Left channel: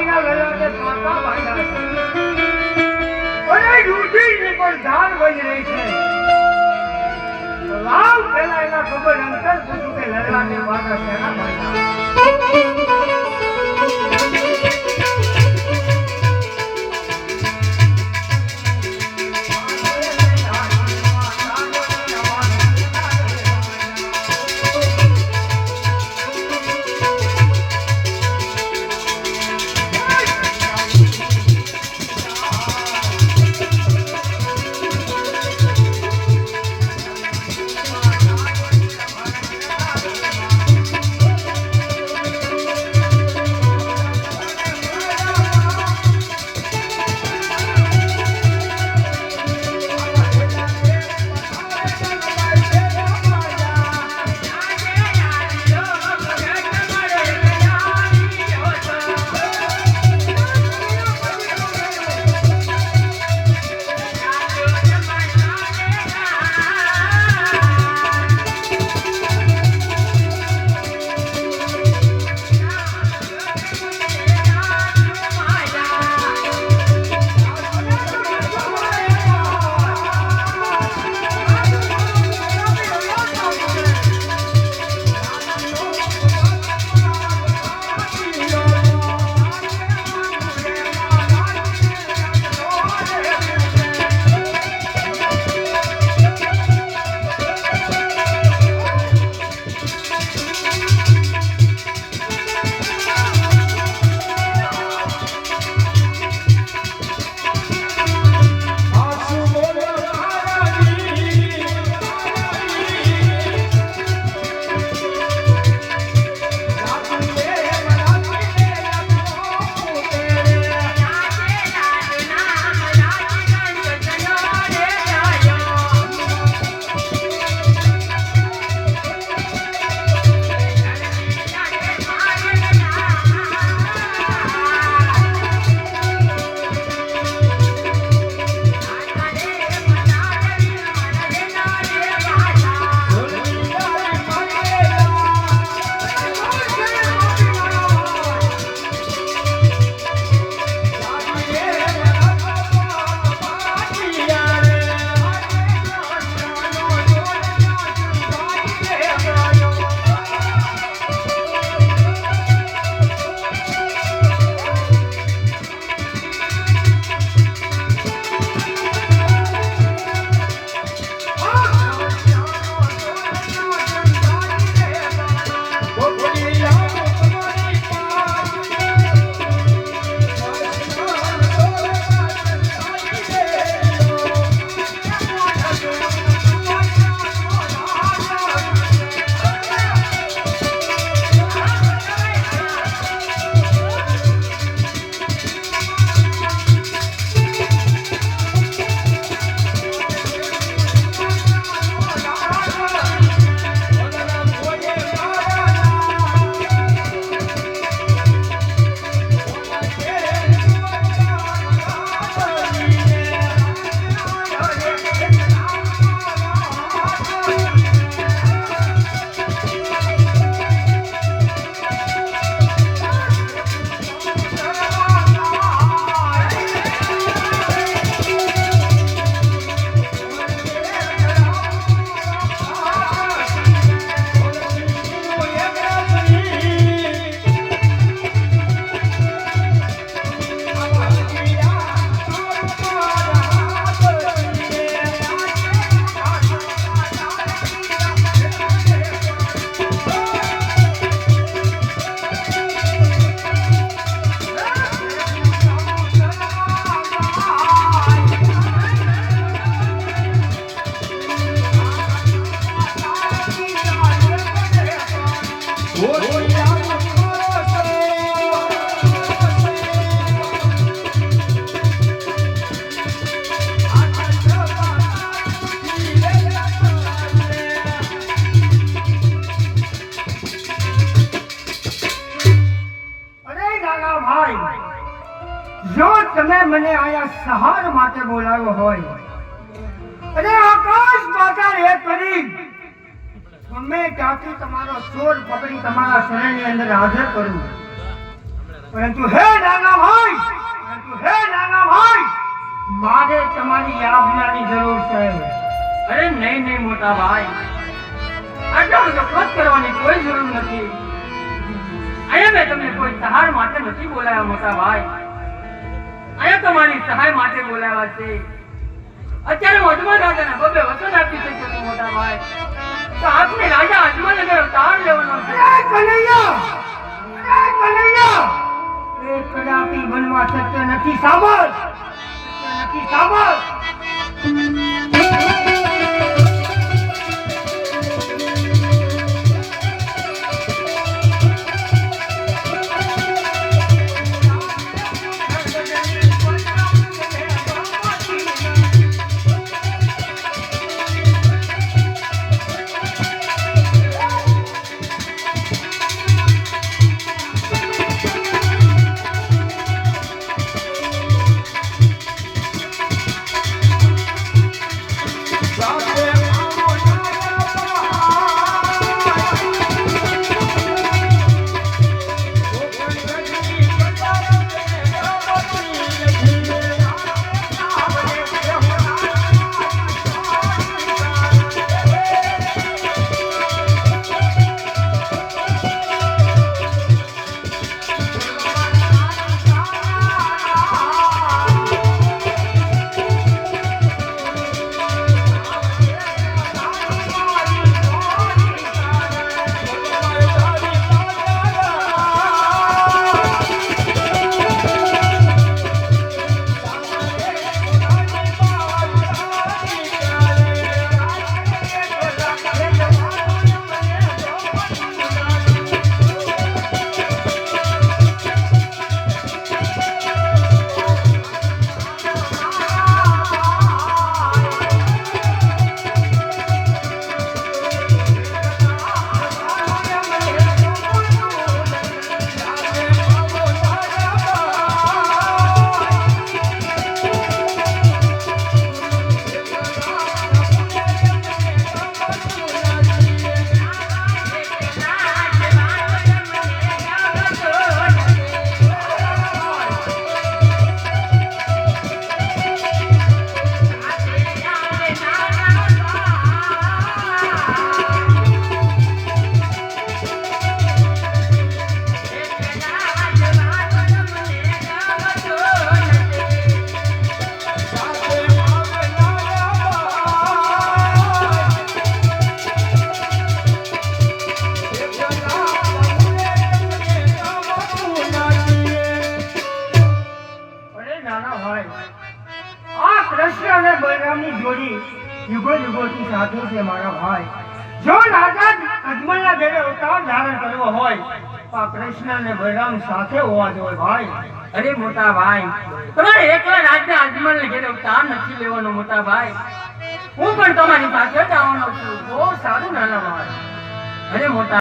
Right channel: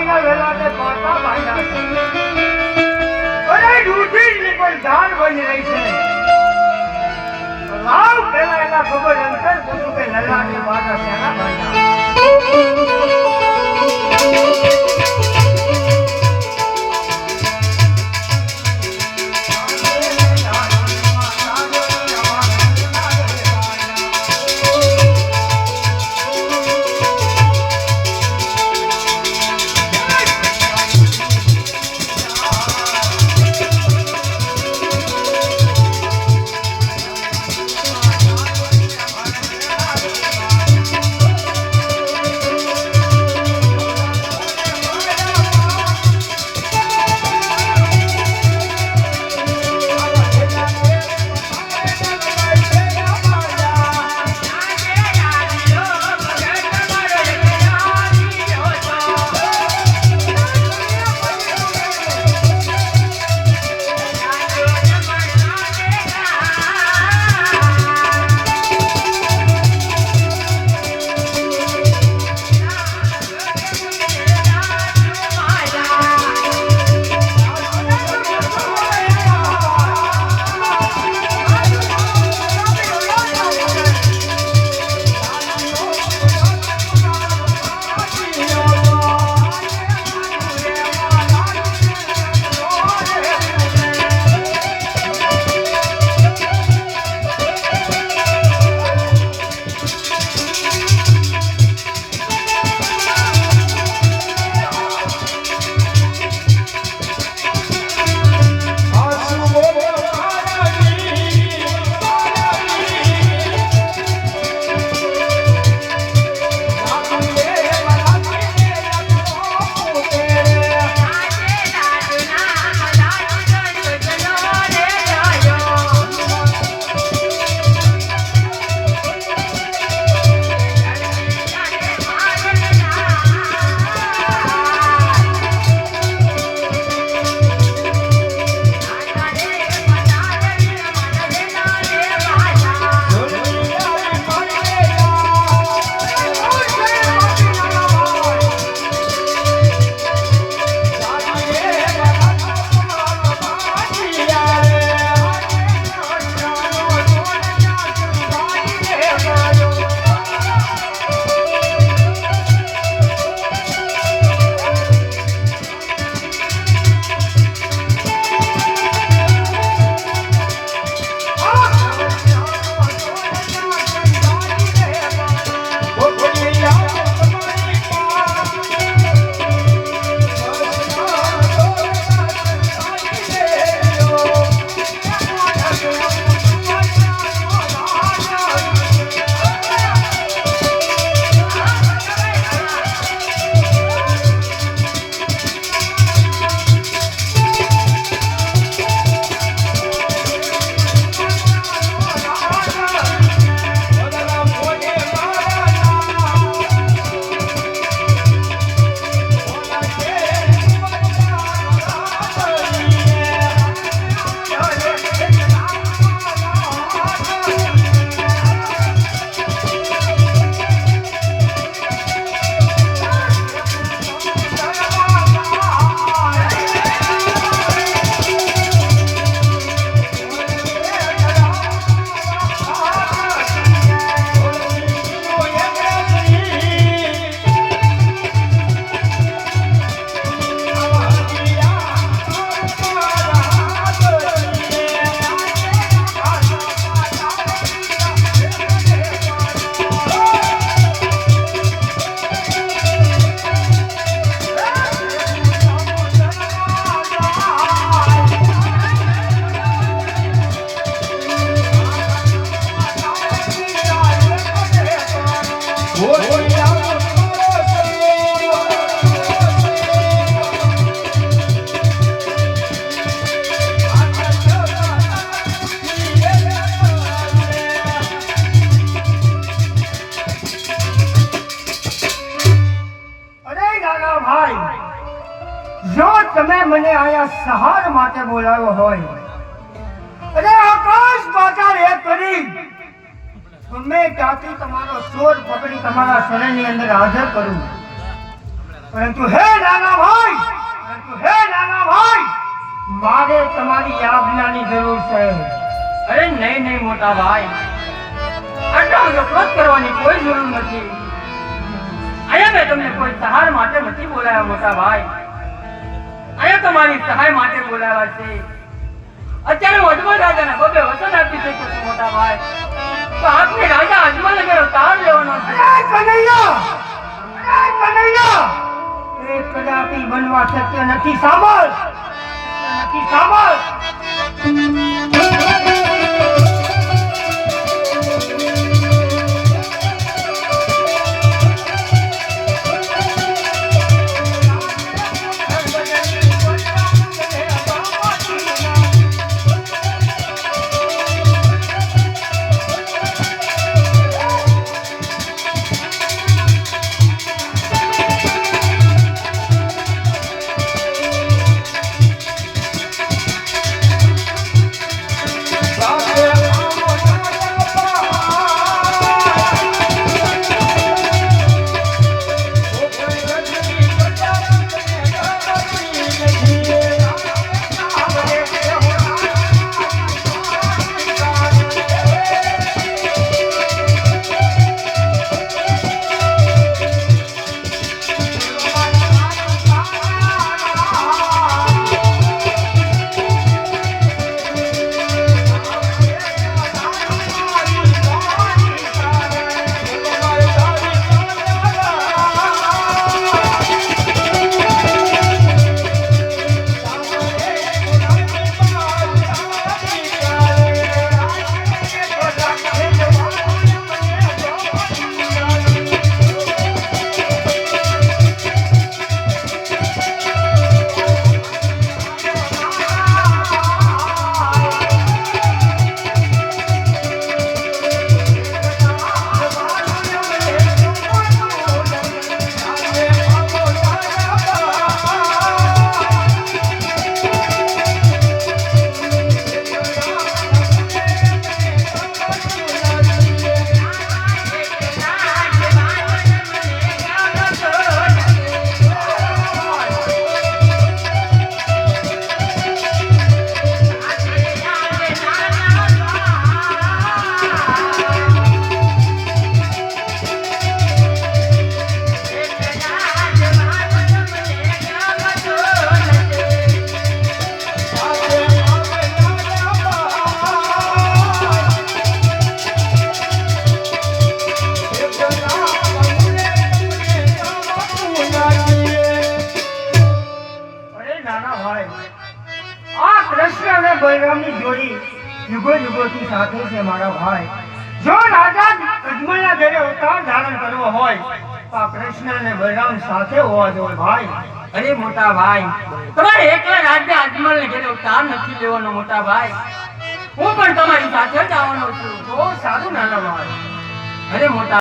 ભાઈના વેલાને પાટા ભાઈના છે અને યુધિની પણ જાન બની રહી છે લાવ પેલા એના ખબર અંતર પૂછું કે લલાને પાટા શેના ભાઈના મને આયા સહાર માટે બોલાવ્યો હોય અને આકાશ પાતાળ એક કરી મેં ત્યાંથી તમારો સોર પકડી તમારા શરણની અંદર હાજર કરું પરંતુ હે નાના ભાઈ, મારે તમારી આજ્ઞાની જરૂર છે. અરે નહીં નહીં મોટા ભાઈ, આટલા બધો ક્રોધ કરવાની કોઈ જરૂર નથી. અહીંયા મેં તમને કોઈ સહાય માટે નથી બોલાવ્યા મોટા ભાઈ. અહીંયા તમારી સહાય માટે બોલાવ્યા છે. અત્યારે અજમલ રાજાને બબે વચન આપી શકે છે મોટા ભાઈ. તો આપણે રાજા અજમલ નગર અવતાર લેવાનો છે. અરે કનૈયા, એ કદાપી બનવા શક્ય નથી. સાંભળ. બલરામની જોડી યુગોથી સાથે છે મારા ભાઈ. જો રાજા અજમલના ઘરે અવતાર ધારણ કરવો હોય તો આ કૃષ્ણ અને બલરામ સાથે હોવા જોઈએ ભાઈ. અરે મોટા ભાઈ, તમારે એકલા રાજા અજમલ ઘેર અવતાર નથી લેવાનો મોટા ભાઈ. હું પણ તમારી સાથે જ આવવાનો છું. બહુ સારું નાના ભાઈ. અરે મોટા